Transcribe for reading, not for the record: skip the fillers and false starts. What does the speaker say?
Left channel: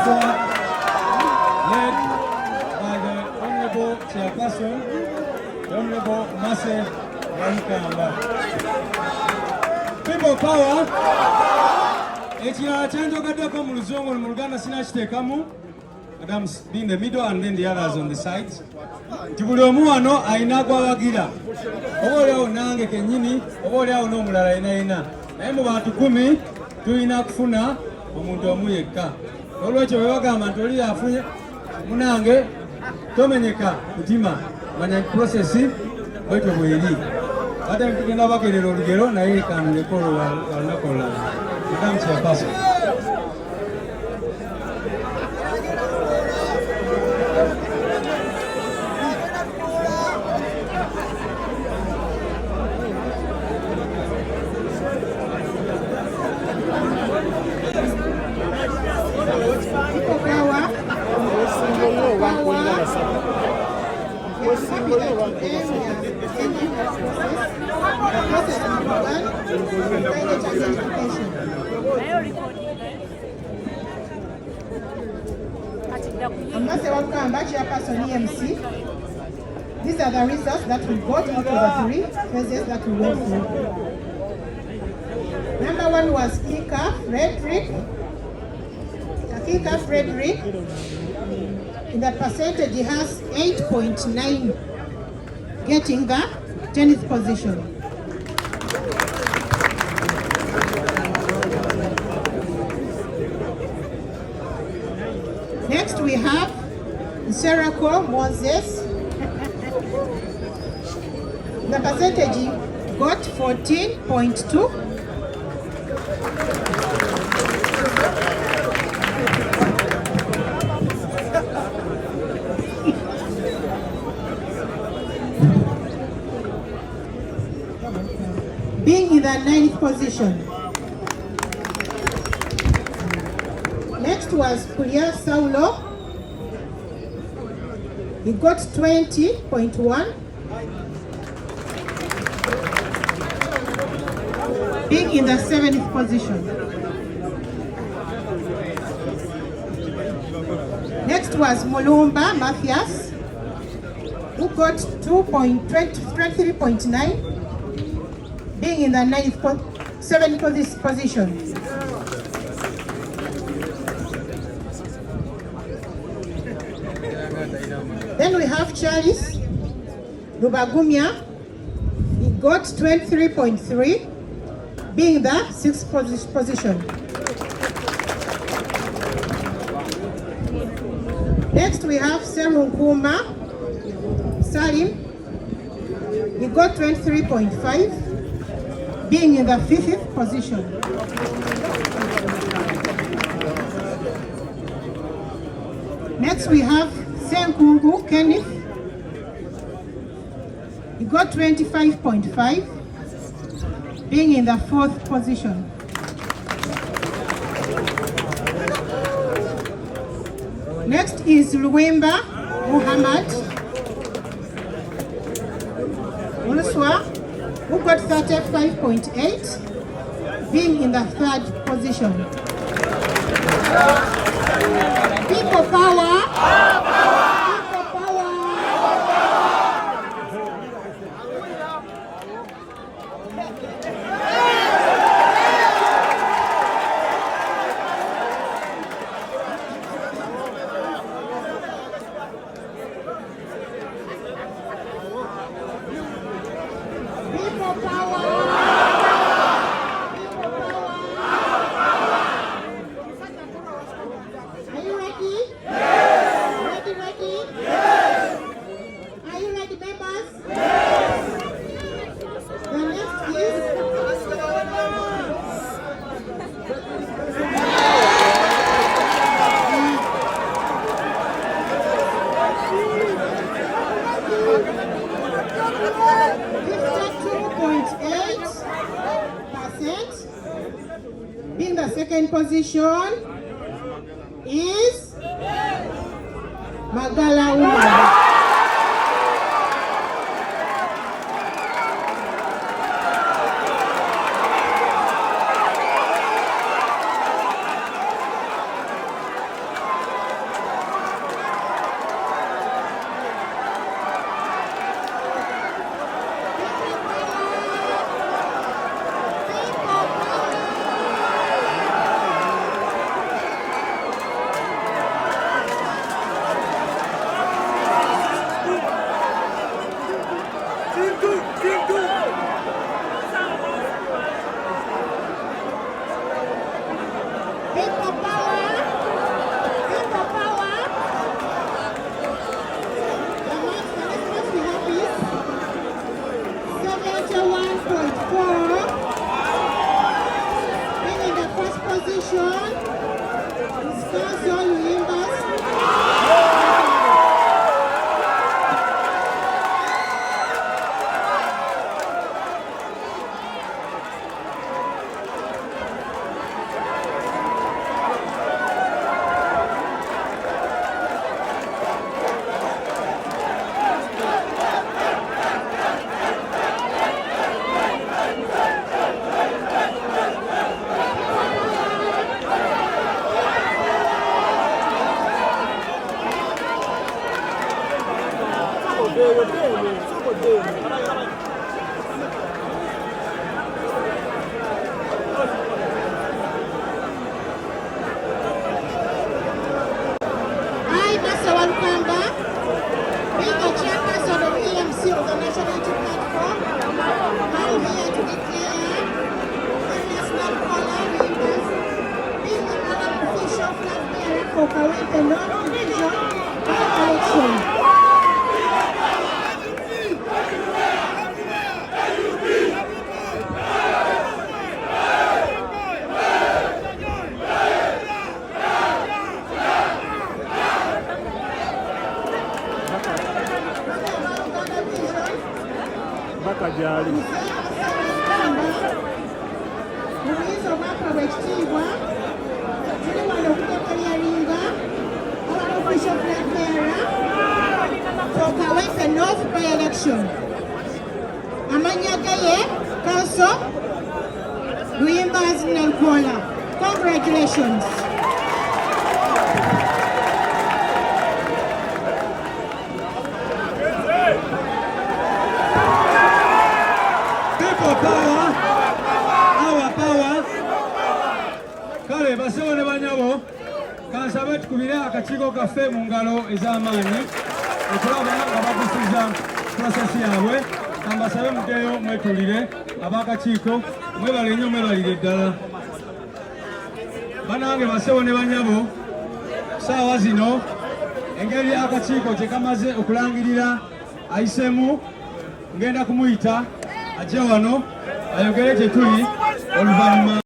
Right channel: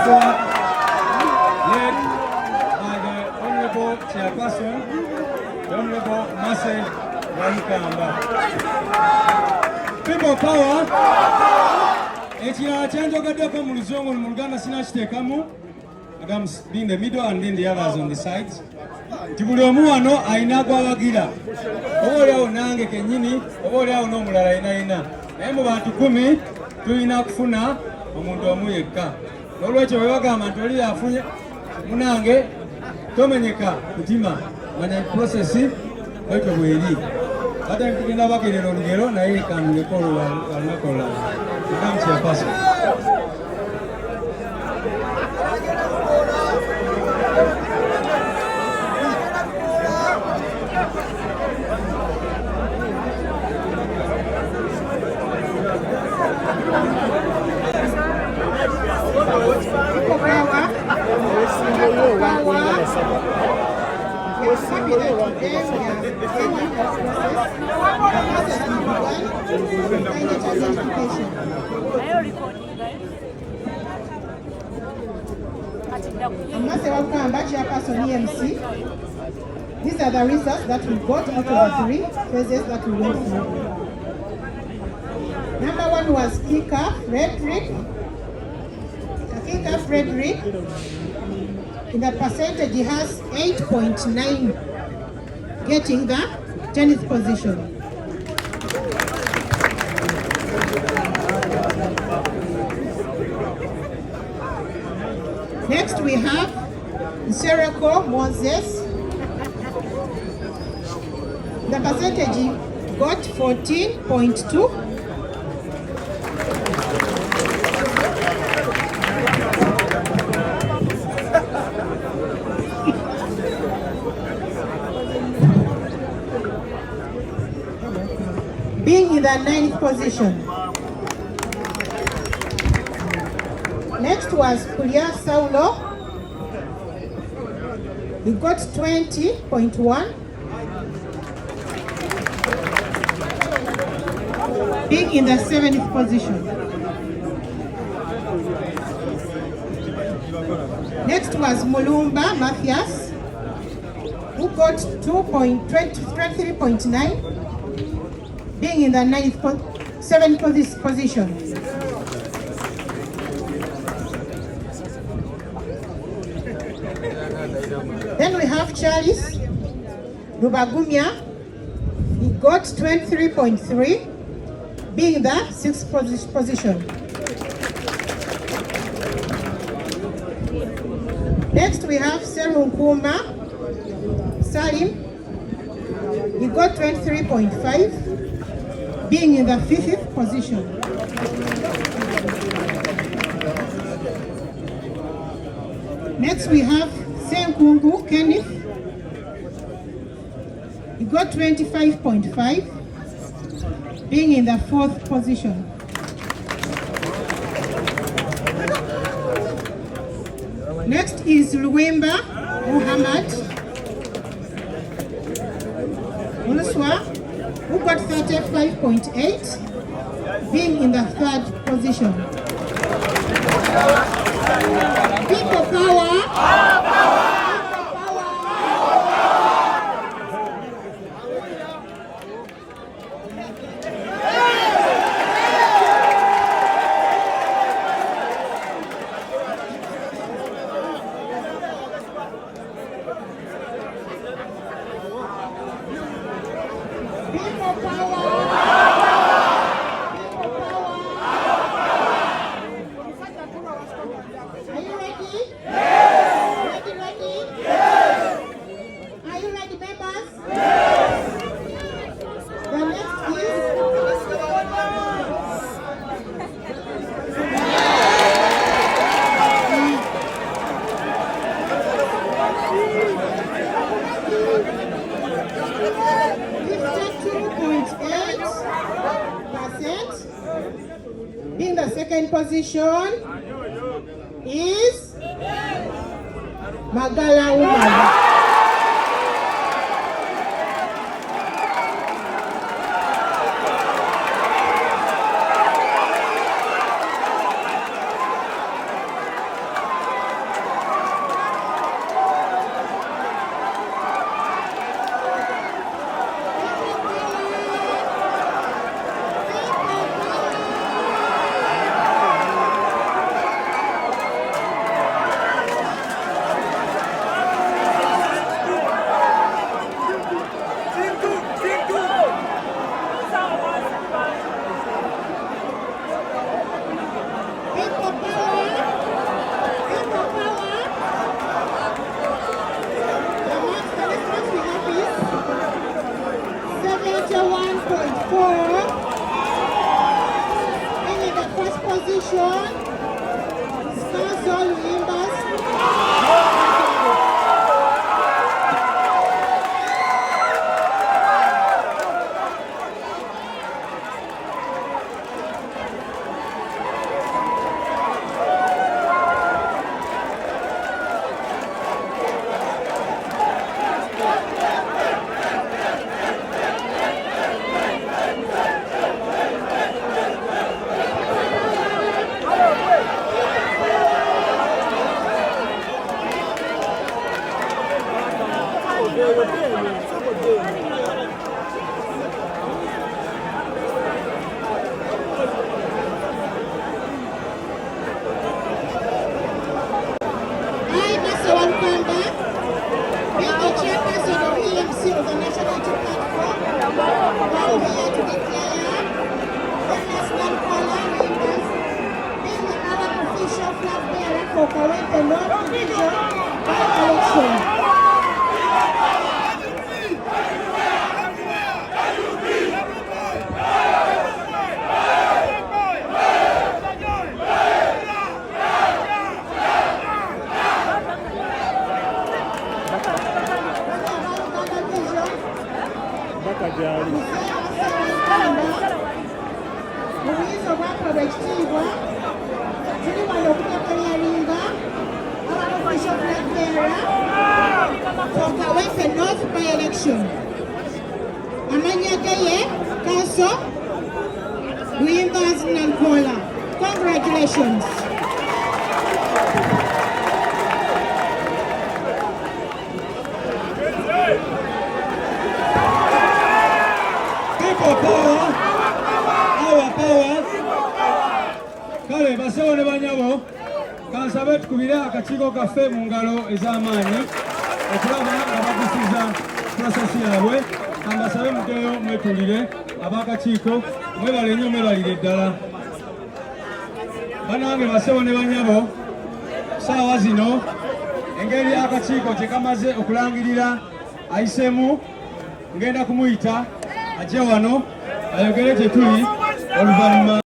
platform led by the Honorable Chairperson, the Honorable Mase Waikamba. People power. Ekirala kyenjogeddeko mu Luzungu mu Luganda sinakiteekamu. I'm being the middle and then the others on the sides. Tibuli omu wano ayina gwabagira. Oboolyawo nange kennyini, oboolyawo n'omulala ayina. Naye mu bantu 10 tulina kufuna omuntu omu yekka. Olwekyo bwe bagamba nti oli afunye munange tomenyeka kutima. Manya prosesi bwetyo bweri. Ate tugenda bagerera olugero naye kanuleko olunaku olulala. Madam Chairperson. These are the results that we got out of the 3 phases that we went through. Number 1 was Kika Frederick. Kika Frederick, in the percentage, he has 8.9, getting the 10th position. Next we have Serako Moses. The percentage he got 14.2. Being in the 9th position. Next was Kulia Saulo. He got 20.1. Being in the 7th position. Next was Mulumba Matthias, who got 23.9, being in the 7th position. Then we have Charles Rubagumya. He got 23.3, being in the 6th position. Next we have Serunkuma Salim. He got 23.5, being in the 5th position. Next we have Senkungu Kenneth. He got 25.5, being in the 4th position. Next is Luwemba Muhammad Uluswa, who got 35.8, being in the 3rd position. People power! Being the 2nd position is Magala Umar. I, Master Walukamba, being the chairperson of EMC of the National Platform, I'm here to declare Nalukoola members being the unofficial flag bearer for Kawempe North Region by-election. Bakajali. Mubuyizo bwakolwa ekitiibwa tuli wano okutekeryalinga ababofficial flag bearer for Kawempe North by-election. Amannya ge ye Council Luyimbazi Nalukoola. Congratulations. Power, our power. Kale basewo ne banyabo kansabe tukubire akakiiko kaffe mu ngalo ez'amaanyi okulaba nga bakusiza prosesi yaabwe. Kambasabe mugeyo mwetulire ab'akakiiko mwebale nnyo mwebalire ddala. Banange basewo ne banyabo saawa zino engeri akakiiko kye kamaze okulangirira ayiseemu ngenda kumuyita ajje wano ayogere gye tuli oluvannyuma.